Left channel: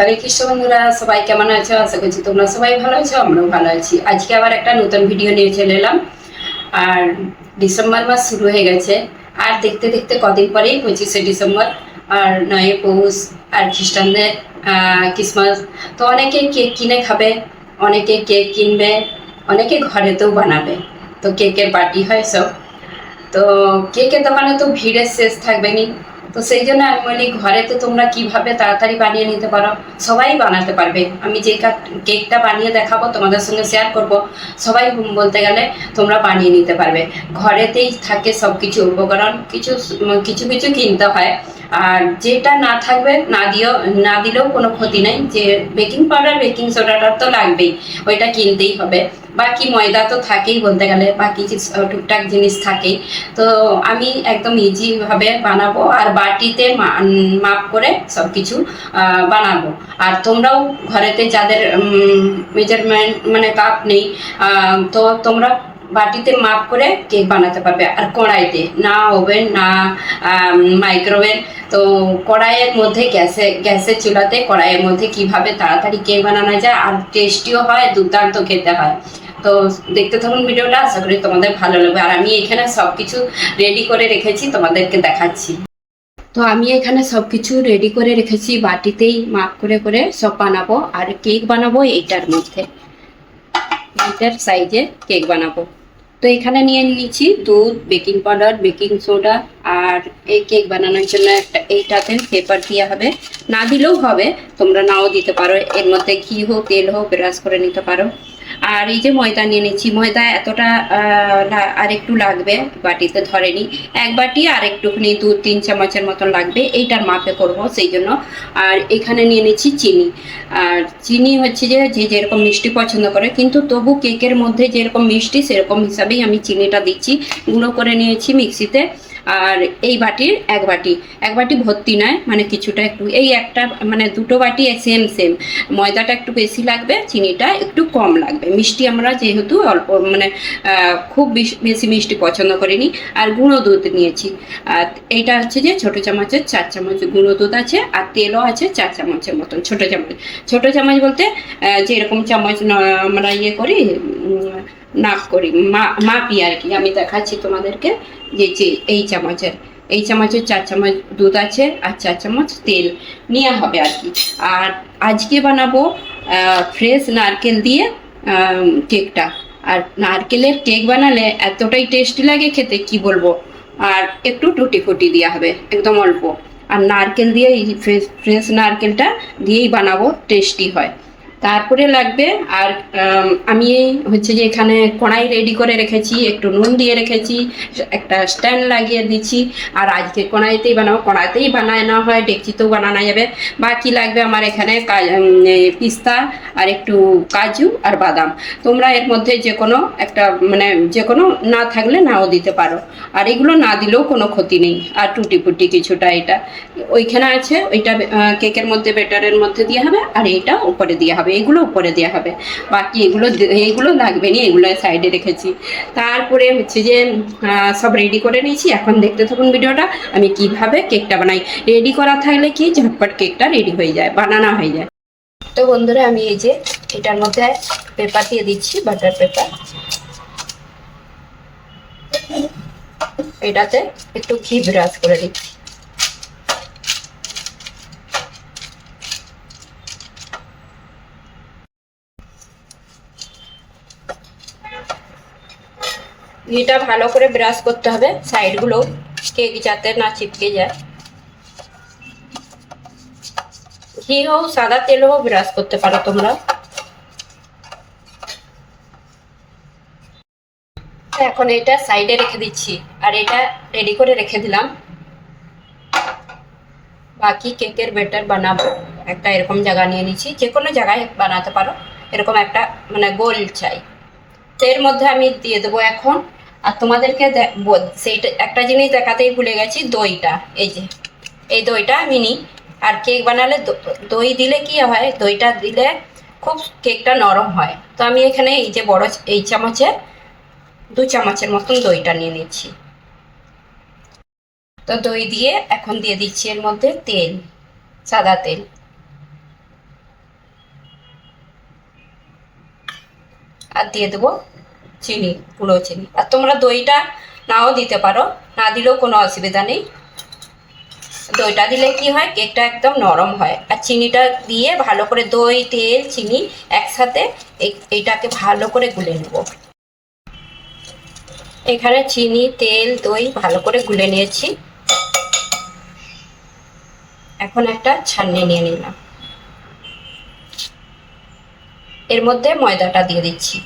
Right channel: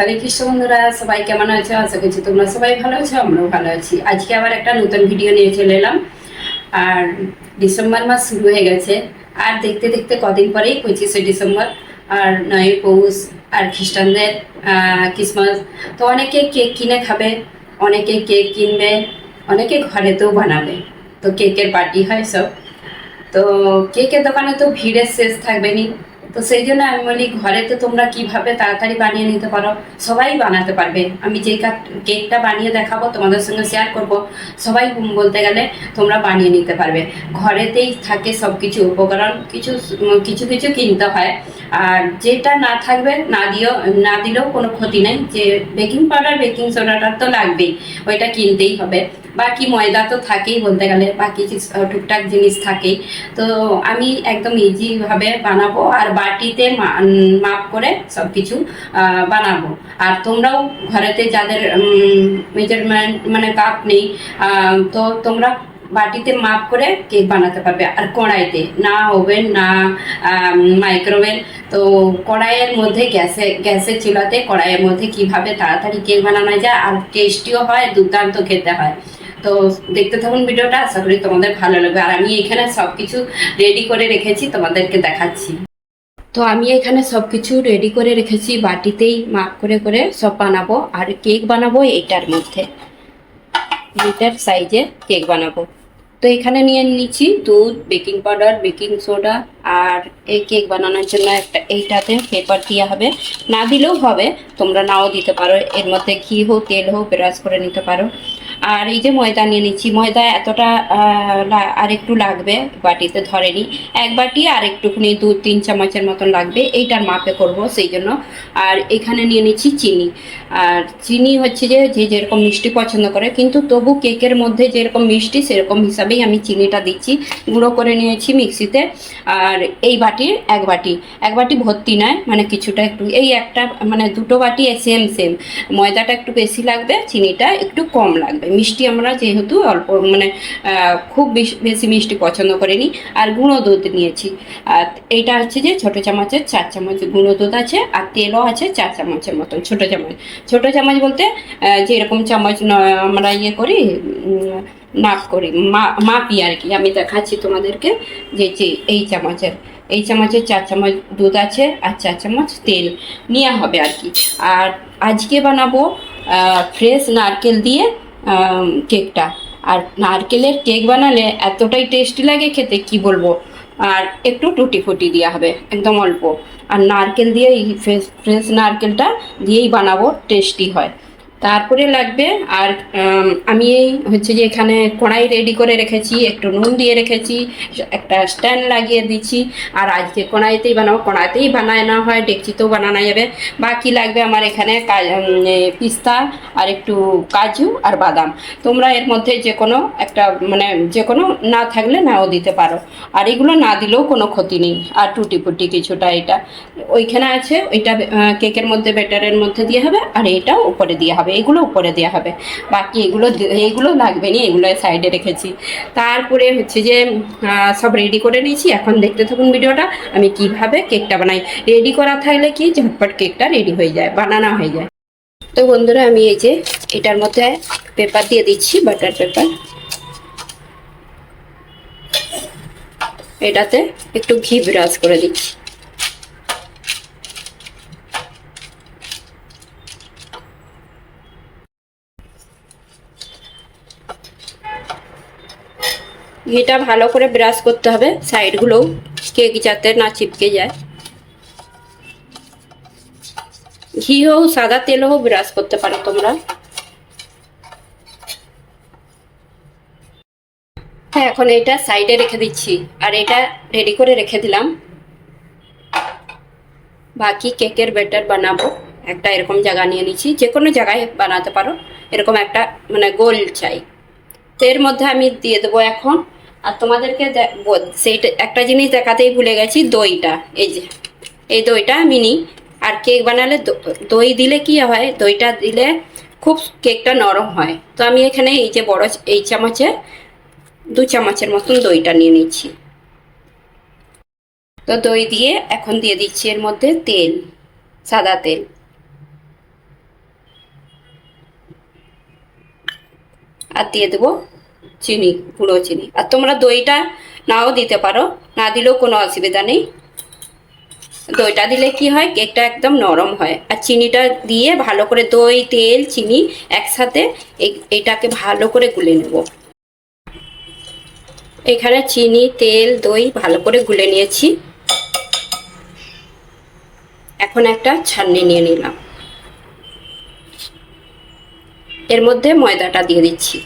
হরে কৃষ্ণ বন্ধুরা, সবাই কেমন আছো? আশা করছি তোমরা সবাই ভালো আছো, আমরাও ভালো আছি। আজকে আবার একটা নতুন ভিডিও নিয়ে চলে এলাম। আর ডিসেম্বর মাস শুরু হয়ে গেছে, আর দেখতে দেখতে কদিন পরেই 25শে ডিসেম্বর, আর 9ই পৌষ, আর খ্রিস্টানদের ক্রিসমাস। তো অনেকে কেক কিনে খাবে, অনেকে কেক কিনবে, অনেকে ঘরেতেও বানাবে। তো কেকের পার্টি হয় সব। তো কেকের দোকানে তো ভিড়ের শেষ থাকবে নি। তো সেই জন্য আমি বলি, ঘরে তো তোমরা কিভাবে তাড়াতাড়ি বানিয়ে নিতে পারো, সবাই বানাতে পারবে। আমি যে কেকটা বানিয়ে দেখাবো, তোমাদের সঙ্গে শেয়ার করব, সবাই বলতে গেলে তোমরা বানিয়ে নিতে পারবে। ঘরেতেই থাকে সব কিছু উপকরণ, কিছু কিছু কিছু কিনতে হয়। আর যেটা না থাকবে না দিলেও কোনো ক্ষতি নেই। যে বেকিং পাউডার, বেকিং সোডাটা তো লাগবেই, ওইটা কিনতেই হবে। বাকি ময়দা তো থাকেই বলতে গেলে, বাকি টুকটাক জিনিস থাকেই। তো আমি একদম ইজিভাবে বানাবো, আর বাটিতে মাপ করে সব কিছু বানাবো। আর তোমরাও ঘরেতে যাদের মেজারমেন্ট মানে কাপ নেই, তো তোমরা বাটিতে মাপ করে কেক বানাতে পারবে। আর কড়াইতে, না ওভেন না মাইক্রোওয়েভ, তো কড়াইয়ের মধ্যে গ্যাসের চুলাতে কড়াইয়ের মধ্যে কিভাবে তাড়াতাড়ি কেক বানানো যায়, আর টেস্টিও হয়, দুর্দান্ত খেতে হয়। তো দেখতে থাকুন ভিডিওটা, আশা করি তোমাদের ভালো লাগবে। আর আমি এখানে সব কিছু রেডি করে রেখেছি, তোমাদেরকে দেখাচ্ছি। তো আমি এখানে সব কিছু রেডি করে রেখেছি, বাটিতেই মাপ করে করে সব বানাবো। আর কেক বানাবো এইটার মধ্যে, এইটার সাইজে কেক বানাবো। তো এখানে নিয়ে নিচ্ছি দুধ, বেকিং পাউডার, বেকিং সোডা। আর এই কেক বানানোর জন্য এইটাতে পেপার দেওয়া হবে, না দিলেও হবে, তোমরা নাও দিতে পারো। এর মধ্যে ঘি হোক, তেল হোক, ব্রাশ করে নিতে পারো। আর এই যে ময়দা নিয়ে নিচ্ছি, ময়দা এতটা আর একটু লাগবে, বাটিতে ধরেনি। এক বাটি আর একটুখানি 2-3 চামচের মতন লাগবে, এইটার মাপে করব সেই জন্য। আর এখানে নিয়ে নিচ্ছি চিনি। আর চিনি হচ্ছে যে যে যেরকম মিষ্টি পছন্দ করে, কিন্তু তবু কেকের মধ্যে যেরকম মিষ্টি সেরকম হিসাবেই আমি চিনিটা দিচ্ছি। গুঁড়ো করে নিয়েছি মিক্সিতে। আর এই বাটির এক বাটি ভর্তি নয়, মানে কিছুটা একটু, এই একটা মানে দুটো বাটি সেম সেম। ময়দাটা একটু বেশি লাগবে, চিনিটা একটু কম লাগবে। মিষ্টি আমরা যেহেতু অল্প মানে খুব বেশি মিষ্টি পছন্দ করিনি। আর গুঁড়ো দুধ নিয়েছি। আর এইটা হচ্ছে যে ছোটো চামচের 4 চামচ গুঁড়ো দুধ আছে, আর তেলও আছে 4 চামচের মতন, ছোটো চামচ বলতে যেরকম চামচ আমরা ইয়ে করি, নাপ করি, মাপি আর কি। আমি দেখাচ্ছি তোমাদেরকে যে এই চামচের 4 চামচ দুধ আছে, আর 4 চামচ তেল নেওয়া হবে আর কি। আর আজকে বানাবো ফ্রেশ নারকেল দিয়ে কেকটা। আর নারকেলের কেক বানালে এতটাই টেস্টি লাগে খেতে, কি বলবো। আর একটু টুটি ফুটি দেওয়া হবে, একদম অল্প। আর নারকেল দিয়ে, এই ফ্রেশ নারকেলটা দিয়েই বানাবো, টেস্টি হয়। তারপরে লাগবে, আর আমি এই হচ্ছে যে এখানে কড়াই রেডি করে রেখেছি, একটু নুন দিয়ে রেখেছি, একটা স্ট্যান্ড লাগিয়ে দিচ্ছি। আর আজকে কড়াইতেই বানাবো, কড়াইতেই বানানো হয়, ডেকচিতেও বানানো যাবে। বাকি লাগবে আমার এখানে পিস্তা, আর একটু কাজু আর বাদাম। তোমরা এর মধ্যে যে কোনো একটা মানে যে কোনো না থাকলে নাও দিতে পারো। আর এগুলো না দিলেও কোনো ক্ষতি নেই। আর টুটি ফুটি কিছুটা এটা ওইখানে আছে, ওইটা কেকের মধ্যে, ব্যাটারের মধ্যে দেওয়া হবে। আর এটা উপরে দেওয়া হবে, এগুলো উপরে দেওয়া হবে। বাকি এগুলো লাগবে না, এগুলো সাইডে রেখেছি। তারপরে হচ্ছে যে সব রেডি করে নিয়েছি। এখন দেখতে থাকুন ভিডিওটা, আমি কিভাবে কেকটা বানাই। রেডি করা থাকলে কি ঝটপট কেকটা রেডি হয়ে যায়, বানানো হয়ে যায়। তো বন্ধুরা, আমি এই যে এটার মধ্যে পেপার দিয়ে দিচ্ছি, বাটার পেপার। এটাতে একটু ঘি ব্রাশ করে দিচ্ছি। ঘিটা ভালো করে ব্রাশ করতে হবে, সাইডগুলো কেক যাতে না চিপকে যায়। ঘি হোক, সাদা তেল হোক, ব্রাশ করতে পারো তোমরা। হ্যাঁ, এখন এটা সাইডে রেখে দিচ্ছি। আর এটা রেডি করে রেখে দিলাম। বাকি কেকের ব্যাটার বানাবো। একটা এরকম জায়গা নিয়ে নিচ্ছি, যে কোনো জায়গায় বানাতে পারো। এরকম একটা মানে গোল চাই। তো এর মধ্যে আমি দিয়ে দেবো এখন। আর তোমাদেরকে সেইটা একটা জিনিস দেখাতেই ভুলে গেছি, দইটা। এই যে এই দইটা আমি নিই। আর কেক বানালে দই দিলে কি হয়, দইটা দিলে খুব কেকটা নরম হয়। তো আমি এখানে এই যে বড় এই চামচে 2 চামচের মতন দইটা নিয়ে নিচ্ছি। তো দই দিয়ে এখন দিয়ে দিচ্ছি এর মধ্যে তেল, সাদা তেল। আর দিয়ে দেবো চিনি, গুঁড়ো চিনি। আর তোমরা দইটা নাও দিতে পারো, না দিলেও কোনো অসুবিধা নেই। দইটা দিলে কি হয়, কেকটা একদম নরম হয়। আর চিনিটা দিয়ে ভালো করে দই, তেল, চিনি একসাথে এইটাকে ভালো করে গুলে নেব। এখানে চিনি, তেল, দই ভালো করে গুলে নিয়েছি। এখন একটা ছাঁকনি নিয়ে নিলাম, এর মধ্যে ময়দাটা দিয়ে দিচ্ছি।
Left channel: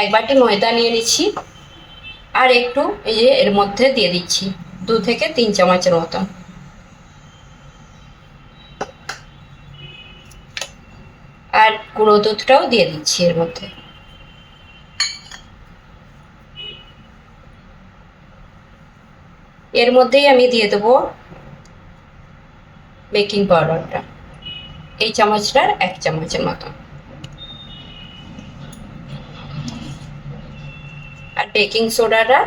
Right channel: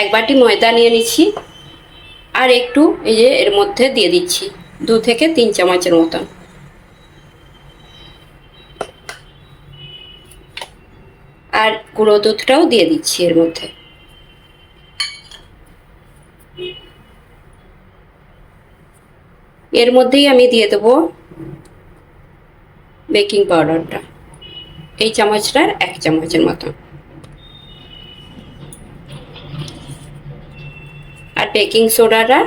1 বাটি ময়দা নিয়ে নিচ্ছি, আর একটু এই যে এর মধ্যে দিয়ে দিচ্ছি 2 থেকে 3 চামচের মতন। আর গুঁড়ো দুধটাও দিয়ে দিচ্ছি এর মধ্যে। এর মধ্যেই আমি দিয়ে দেবো বেকিং পাউডারটা, এই চামচটার 1 চামচের মতন। আর বেকিং সোডাটা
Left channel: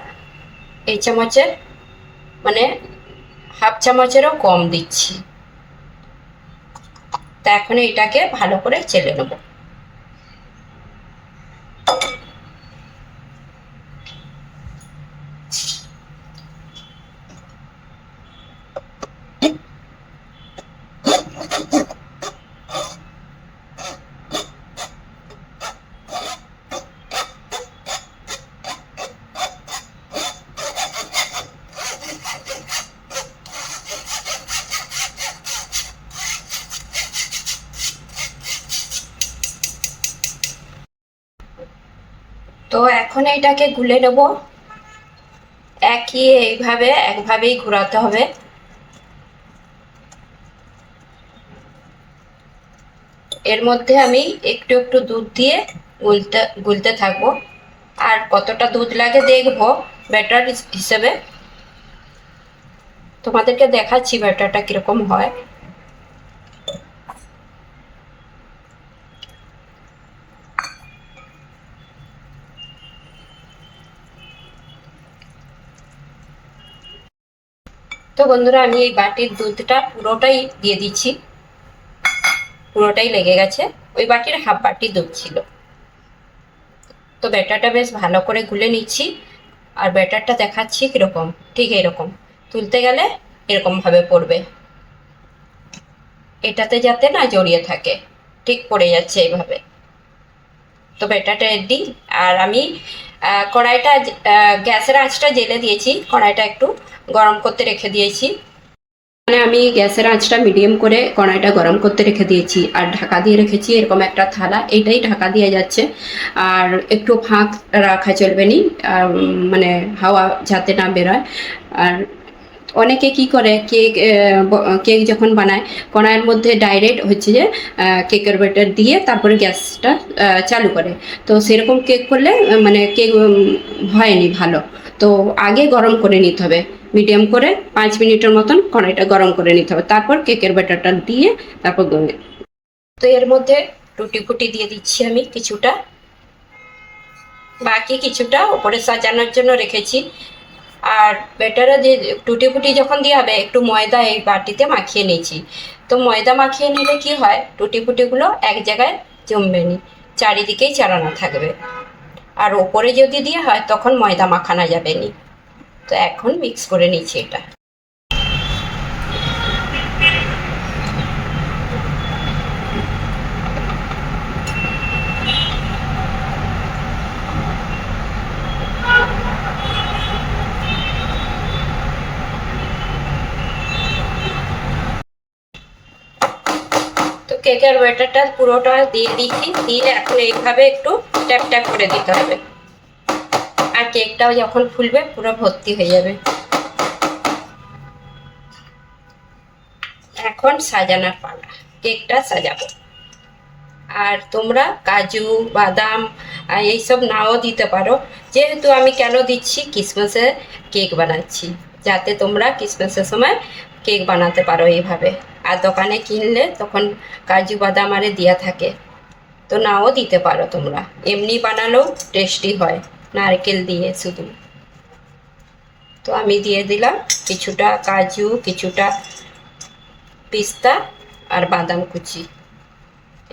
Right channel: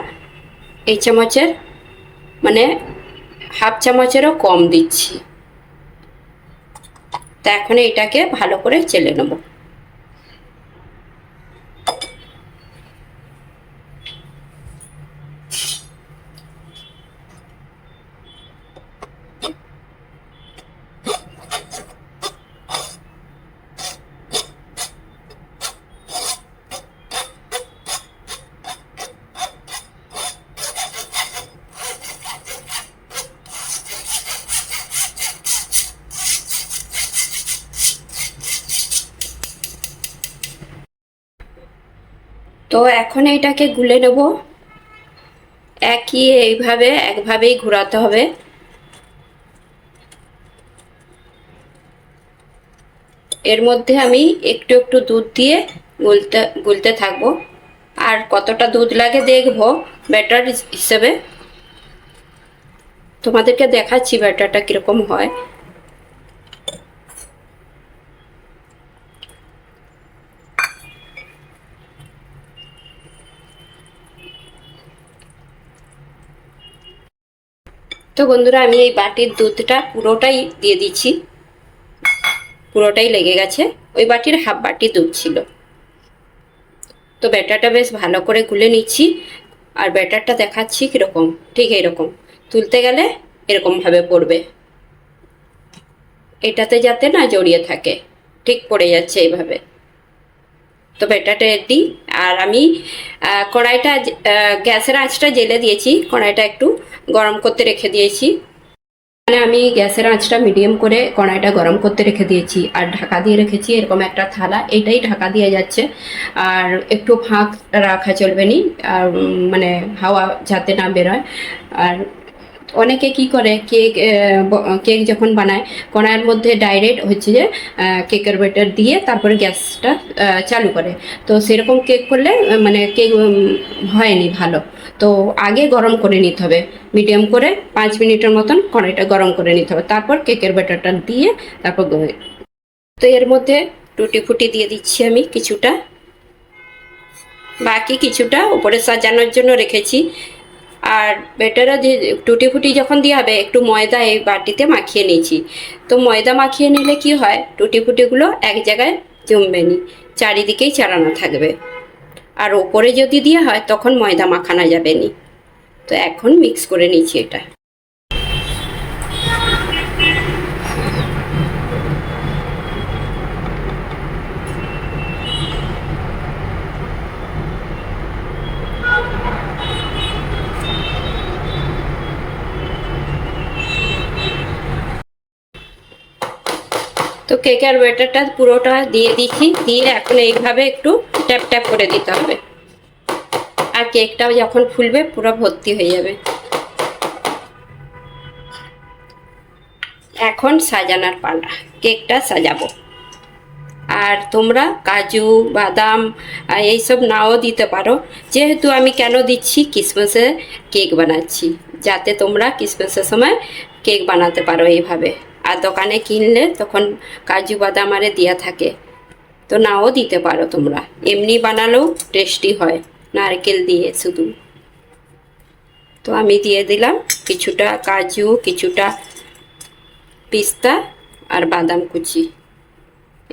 এই চামচের মানে হাফ চামচেরও কম দিচ্ছি। তা এখন এটাকে ভালো করে চেলে নেব। তো এখন এইটাকে গুলে নেব। একভাবেই ঘোরাতে হবে। এর মধ্যে আমি একটু একটু দুধ দিয়ে গুলতে থাকবো। আর কতটা দুধ লাগে দেখবো ব্যাটার হিসেবে। তোমাদেরকে দেখাচ্ছি ব্যাটারটা কিরকম হয়। তো বন্ধুরা, আমি এই বাটির দুধটা পুরোটাই দিয়ে দিচ্ছি, পুরোটাই লেগে গেছে। ওই বাটির হাফ বাটি দুধ ছিল। তো ব্যাটারটা বেশ ভালো করে গুলে নিচ্ছি। আর ব্যাটারটা দেখাচ্ছি কিরকম, ঠিক এরকম তুলতে গেলে এরকম ভাবে পড়বে, এটাতে যাতে না জড়িয়ে থাকে, ঠিক পড়ে যাচ্ছে এইভাবে। তো ব্যাটারটা রেডি। আর আমি কড়াইটা গ্যাসের আঁচটা জেলে দিয়েছি, কড়াইটা একটু গরম করতে রেখে দিয়েছি। মানে আমি গ্যাসের আঁচটা মিডিয়াম করে কড়াইটা গরম করতে রেখে দিয়েছি, আর ঢাকা দিয়ে রেখেছি এরকম একটা থালা, এইটাই ঢাকা দিয়ে যাচ্ছে। আর একটু ফাঁক রাখা চলবে না, আর মানে হাওয়া যাতে না বেরোয়। আর অনেকে কি করে, কেক যখন বানায় কড়াইয়ের মধ্যে ডাইরেক্ট হচ্ছে যে কেকের ব্যাটার দিয়ে তারপরে গ্যাসটা চালু করে। তো সেরকম কেক করলে মানে কেক হয়নি ভালো। তো আগে গরম করে নিতে হবে, মিডিয়াম করে 5 মিনিটের মতন কড়াইটা গরম করে নিতে হবে, তারপর কেকের ব্যাটারটা দিয়ে তারপর। তো এর মধ্যে টুটি ফুটি দিয়ে দিচ্ছি আমি কিছুটা, বাকি কিছুটা উপরে সাজানোর জন্য রেখেছি। আর ব্যাটারে যে টুটি ফুটি যখন দেওয়া হবে, একটু ময়দা এই বাটিতে মাখিয়ে নিয়েছি। তো ময়দা মাখিয়ে নিলে কি হয়, টুটি ফুটিগুলো এক জায়গায় জমবে নি, চারিদিকেই চারানো থাকবে। আর ওপরে যদি দেওয়া হয় তখন ময়দা মাখানো যাবে নি। তো এখন মিক্স করে নিচ্ছি এটা। তো কেকের ব্যাটারটা পুরোটা দিয়ে দিচ্ছি, দিয়ে এখন এইভাবে একটু ট্যাপ ট্যাপ করে দিতে হবে। আর কেকটাও যখন ফুলবে পুরো ভর্তি হয়ে যাবে। এখন সাজানোর পালা, কেকটা সাজাবো। আর তোমরা কাজু, বাদাম এইসব নাও দিতে পারো। যেহেতু আমি কেন দিচ্ছি, ক্রিসমাসে কেক বানাচ্ছি, যাতে তোমরা ক্রিসমাসের সময় কেক বানাতে পারো এইভাবে। আর দোকানে কিনলে তখন কাজু বাদাম আরে দেওয়া থাকে, তো নাও দিতে পারো তোমরা। এমনি বানালেও টেস্টি হয় নারকেল দিয়ে শুধু। তো আমি দিয়ে দিলাম কিছুটা কাজু, কিছুটা পিস্তা আর বাদাম কুচি,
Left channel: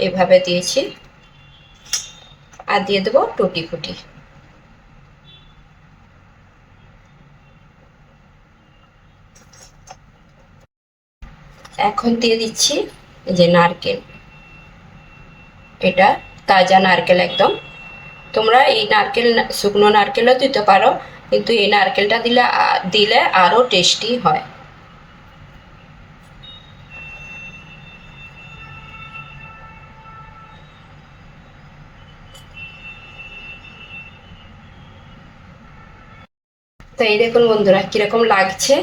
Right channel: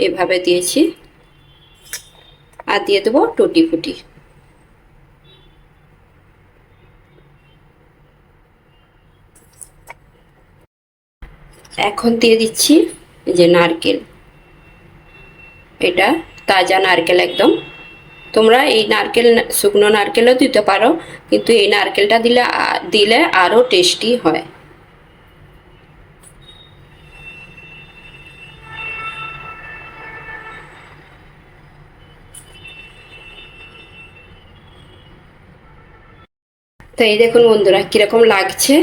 এভাবে দিয়েছি। আর দিয়ে দেবো টুটি ফুটি। এখন দিয়ে দিচ্ছি এই যে নারকেল, এটা তাজা নারকেল একদম। তোমরা এই নারকেল শুকনো নারকেলও দিতে পারো, কিন্তু এই নারকেলটা দিলে আরও টেস্টি হয়। তো এই দেখুন বন্ধুরা কিরকম লাগছে।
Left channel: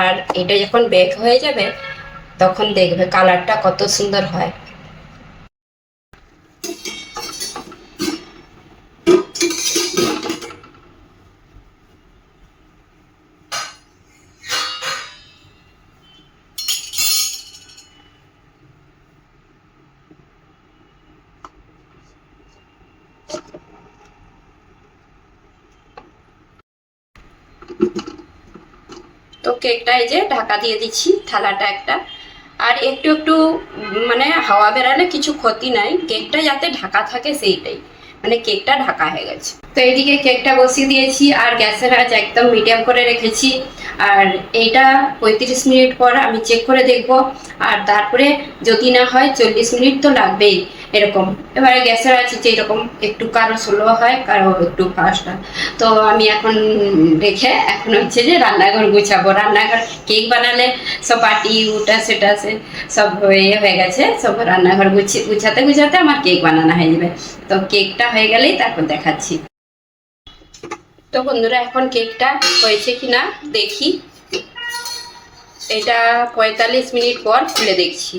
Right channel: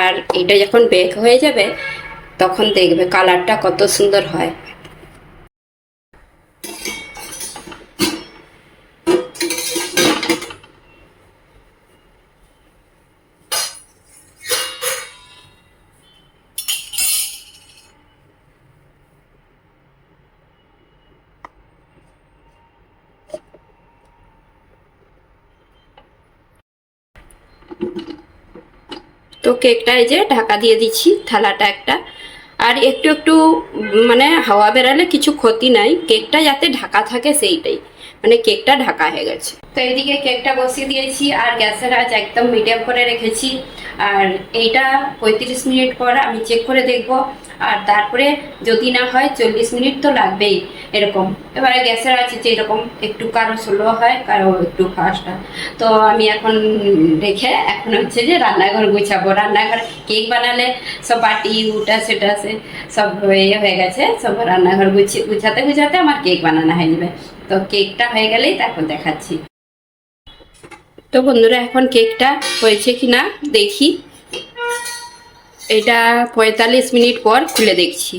আর এটা যখন বেক হয়ে যাবে তখন দেখবে কালারটা কত সুন্দর হয়। তো কেকটা এই যে ঢাকা দিয়ে দিচ্ছি, থালাটা একটা। আর একটু একটু মানে হাওয়া বেরালে কিছু ক্ষতি নাই, কেকটা যাতে ঢাকা থাকে সেইটাই, মানে কেকটা ঢাকা হয়ে গেছে। তো এইদিকে কেকটা বসিয়ে দিয়েছি আর গ্যাসের আঁচ একদম মিডিয়াম করে রেখেছি। আর এইটা 35 মিনিট পর আমি চেক করে দেখব। আর তারপরে যদি না হয় 40 মিনিট তো লাগবেই এরকম। এবারে গ্যাসের আঁচ যেরকম একটু কারো স্লো হয়, কারো একটু ফাস্ট হয়। তো আমি এখন রেখে এখন হচ্ছে যে রান্নাঘর গুছাবো। রান্নাঘর কেক বানালে সব বাটি উটা সেটা সব হয়ে গেছে, সব রান্নাঘর গুছাতে গুছাতে আমার কেক বানানো হয়ে যাবে। তো কেকটা হয়ে গেলেই তারপর দেখাচ্ছি। তো বন্ধুরা এখন কেকটা হয়েছে কিনা দেখি। এটা 45 মিনিট পর খুলে দেখছি।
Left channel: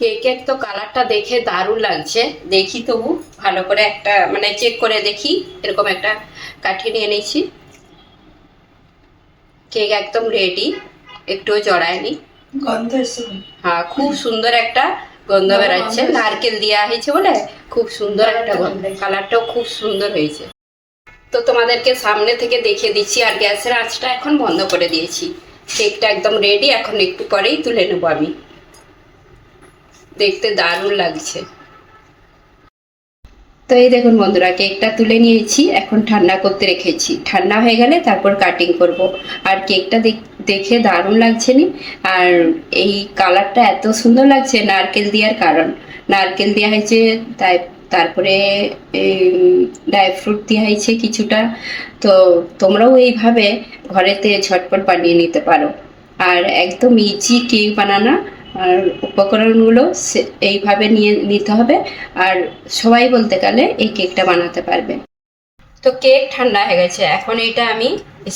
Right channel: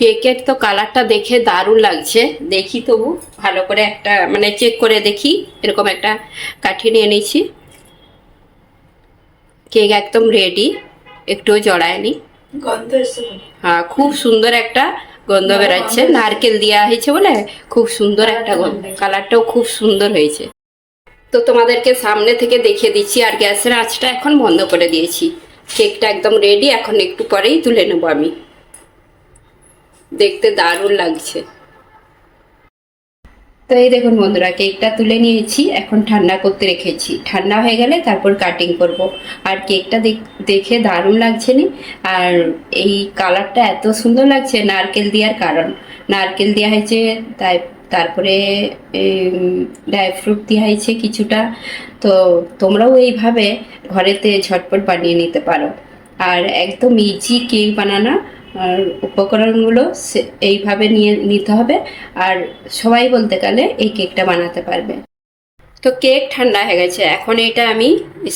কেকের তো কালারটা দেখে দারুণ লাগছে। দেখি তবু ভালো করে একটা মানে চেক করে দেখি। এরকম একটা কাঠি নিয়ে নিয়েছি। কেক একদম রেডি, একটুও জড়ায়নি। গন্ধ এসছে। হ্যাঁ, খুব সুন্দর একটা গন্ধ বেরাচ্ছে, নারকেল দেওয়া হয়েছে বলে খুব সুন্দর একটা গন্ধ। কালারটাও খুব সুন্দর হয়েছে। তো তোমাদেরকে সামনে থেকে দেখিয়ে দিচ্ছি। আর গ্যাসের আঁচটা এখন বন্ধ করে দিয়েছি। কেকটা একদম রেডি, এখন একটু পরেই তুলে নেবো আমি। দেখতে দারুণ লাগছে। তো এই দেখুন বন্ধুরা কেকটা তুলে নিয়েছি, এখন ঠান্ডা করতে রেখেছি। ঠান্ডা হয়ে গেলে তারপর কাটিং করব। আর কেকটা দেখে দারুণ লাগছে নি। আর এই কালারটা এত সুন্দর লাগছে নারকেল দেওয়ার কারণ। নারকেল দেওয়া হয়েছে, তাই তারপরে ড্রাই ফ্রুট দেওয়া হয়েছে কিছুটা। তো তোমরাও এইভাবে ঘরেতে ঝটপট বানিয়ে নিতে পারো। আর একদম ইজি কেক বানানো। আর উপকরণগুলো এইভাবে নিতে হবে। আর সবাই বলতে গেলে এই কেকটা বানাতে পারবে। তো কেক ঠান্ডা হয়ে গেছে, এখন এটা আমি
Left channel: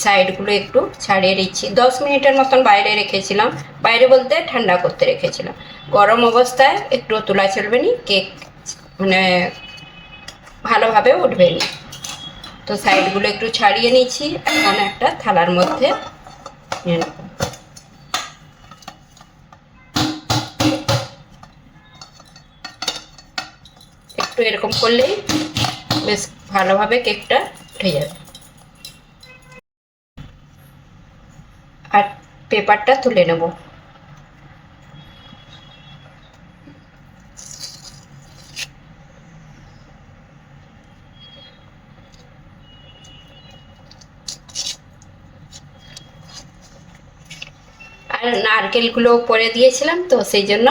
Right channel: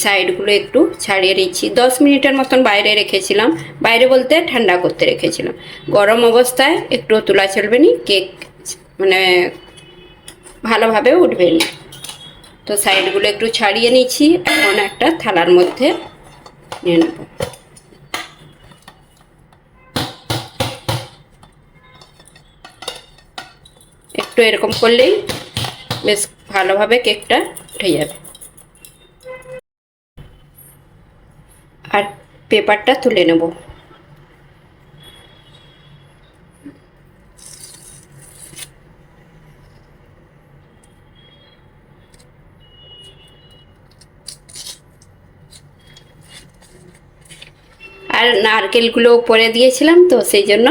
সাইডগুলো একটু ছাড়িয়ে দিচ্ছি। 10 মিনিটের মতন বাইরে রেখেছিলাম। বাইরে বলতে ঠান্ডা করতে রেখেছিলাম। গরম অবস্থায় একটু তোলা চলবে না, কেক মানে ভালোভাবে উঠবে না। তো সাইডগুলো একটু ছাড়িয়ে নিচ্ছি, এখন একটা থালার মধ্যে নিয়ে নেব। একটু এরকম করলেই বেশ ভালোভাবে কেকটা উঠে যাবে। আর পেপারটা তুলে নেব। আর নারকেলগুলো পরে দিয়েছিলাম, তো সেই জন্য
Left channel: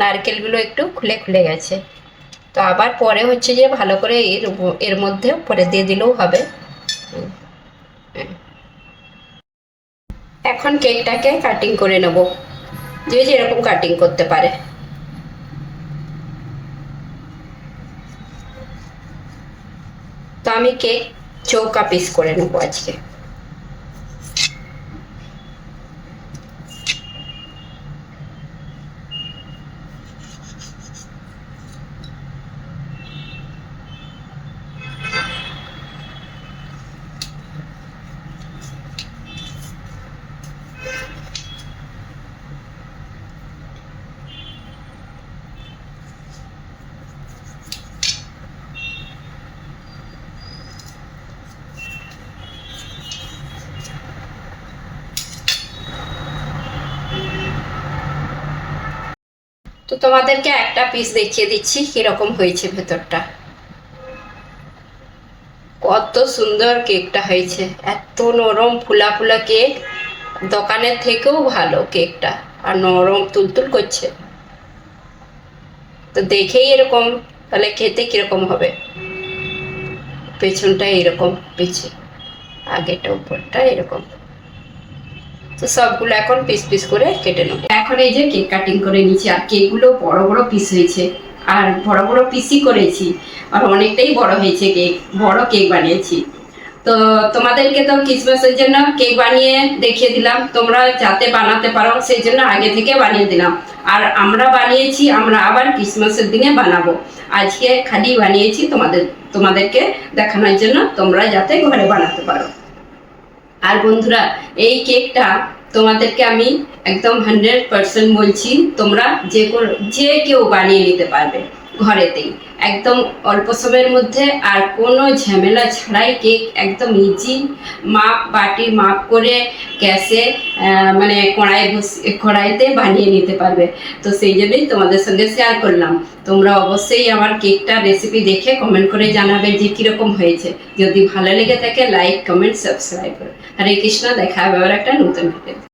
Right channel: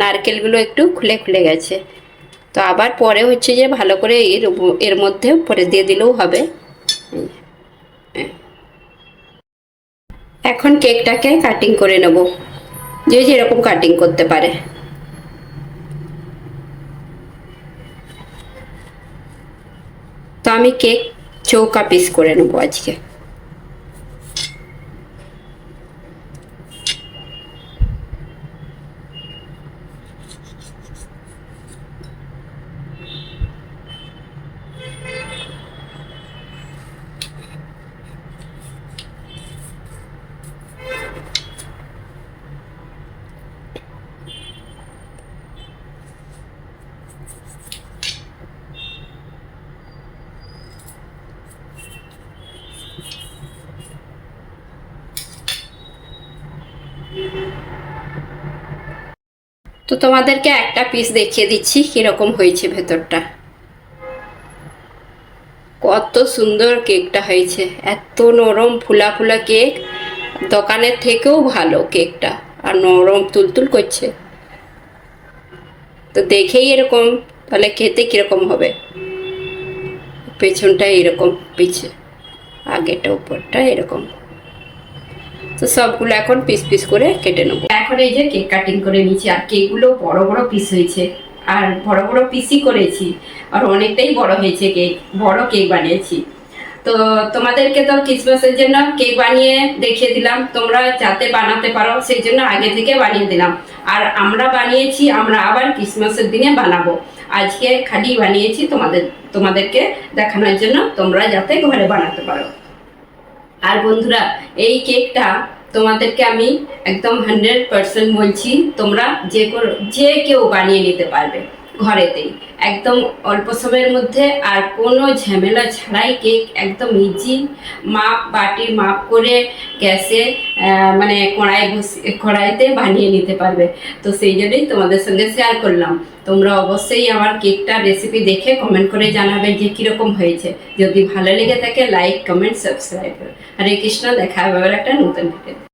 নারকেলগুলো একটু খুলে খুলে গেছে। তো আবার পরে হচ্ছে যে ভালো করে এর মধ্যে পরে দিয়ে দিলেও হবে। এখন কেকটাকে কাটিং করে নেব, যে যেরকম কাটিং করতে পারে। তো আমি কেক চৌকা পিস করে নেবো আজকে। তো তোমাদেরকে একটা পিস দেখিয়ে দিচ্ছি কিরকম হয়েছে ভেতরটা। কত সুন্দর কেকটা হয়েছে, এত নরম ফুলা ফুলা কেক, দোকানের থেকেও ভালো কেকটা, আর নরম তুলতুল করছে। তো দেখেই এরকম, তাহলে খেতে কিরকম হবে। পেছনটা এরকম, পিছে আগেটা উপরটা এরকম। তো সবগুলো এখন পিস পিস করে কেটে নেবো। এখন এই যে কেক কাটিং করে নিচ্ছি, আর কেকগুলো বড় বড় পিস হয়েছে, আর বড় বড় পিসই করেছি, আর অনেকটাই বড় হয়েছে কেক, বড় কেক বানিয়েছি। তো তোমাদেরকে তো ক্রিসমাসের জন্য কেক বানিয়ে দেখিয়ে দিলাম, তোমরা যাতে বানাতে পারো সেই জন্য আগে থেকে বানিয়ে দিলাম। আর আমরা বানিয়েছি, আমরা আবার ক্রিসমাসের দিনে বানাবো। আজকে খালি বানিয়েছি তোমাদেরকে দেখানোর জন্য, তোমরা যাতে ঘরে বানাতে পারো। আর বন্ধুরা, এই কেকটা তোমাদেরকে আমি একদম 100% বলছি, তোমরা যে কেউ বানিয়ে নিতে পারবে ঘরেতেই, একদম অল্প সময়ের মধ্যে, আর কোনো ঝামেলা ছাড়াই কেক একদম ইজি, বাটির মাপ করে গ্যাসে মানে কড়াইতে বানিয়ে নিতে পারবে। তো সেই জন্যই তোমাদের সঙ্গে শেয়ার করলাম। তোমরা অবশ্যই আমার কেকটা রেসিপি দেখে কমেন্ট করে জানাবে যে কীরকম হয়েছে। যদি ভালো লেগে থাকে লাইক, কমেন্ট, সাবস্ক্রাইব করো। হরে কৃষ্ণ, দেখা হবে আবার একটা নতুন ভিডিও।